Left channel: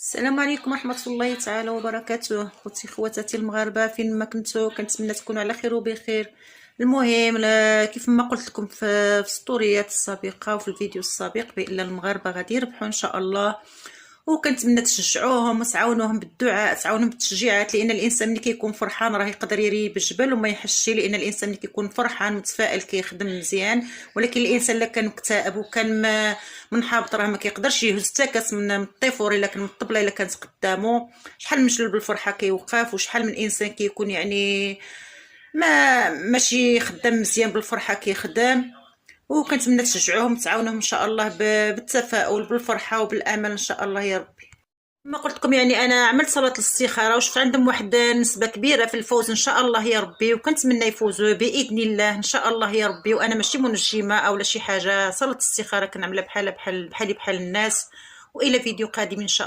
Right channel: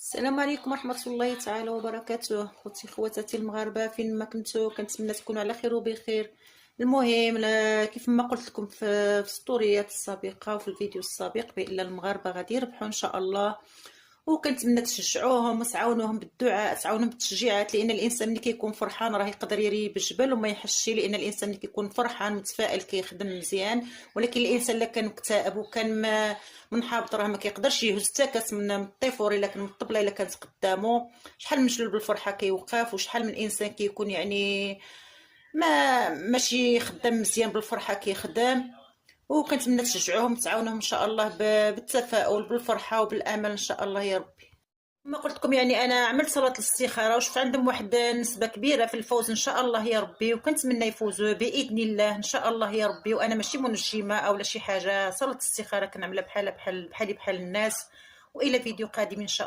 السلام عليكم ورحمة الله تعالى وبركاته. خوتي خواتاتي المغاربة فين ما كنتو، كنتمنى تكونوا على خير وبخير. المهم كيف ما قلت لكم في ستوريات السابقة وفي الفيديو السابق بان المغاربة غادي يربحوا ان شاء الله، وكنتمنى تشجعوهم وتعاونوهم بالدعاء، تعاونوهم بالتشجيعات، لان الانسان ملي كيكون فرحان راه يقدر يريب الجبل وما يحسش، لان الانسان ملي كيكون فرحان متفائل كيخدم مزيان. ولكن الانسان الا كان مكتئب وكان منحبط راه ما كيقدرش يهز حتى كاس من الطيفور الا كان من الطبله الا كانت قدامه. شحال من شلل بالفرحه كيوقف، وشحال من انسان كيكون يعني ماشي خدام مزيان بالفرحه كيخدم. وكنتمنى تشجعوهم تعاونوهم ان شاء الله بالتفاؤل بالفرحه وبالامل ان شاء الله يا ربي. ما قلت لكم يعني انا عملت صلاه الاستخاره وشفت عندهم واحد نسبه كبيره في الفوز ان شاء الله يا ربي، وكنتمنى يفوزوا باذن الله ان شاء الله يا ربي. وانا ماشي منجمه او لا شي حاجه، صلاه الاستخاره كنعملها بحال الناس. والى فيديو قادم ان شاء الله.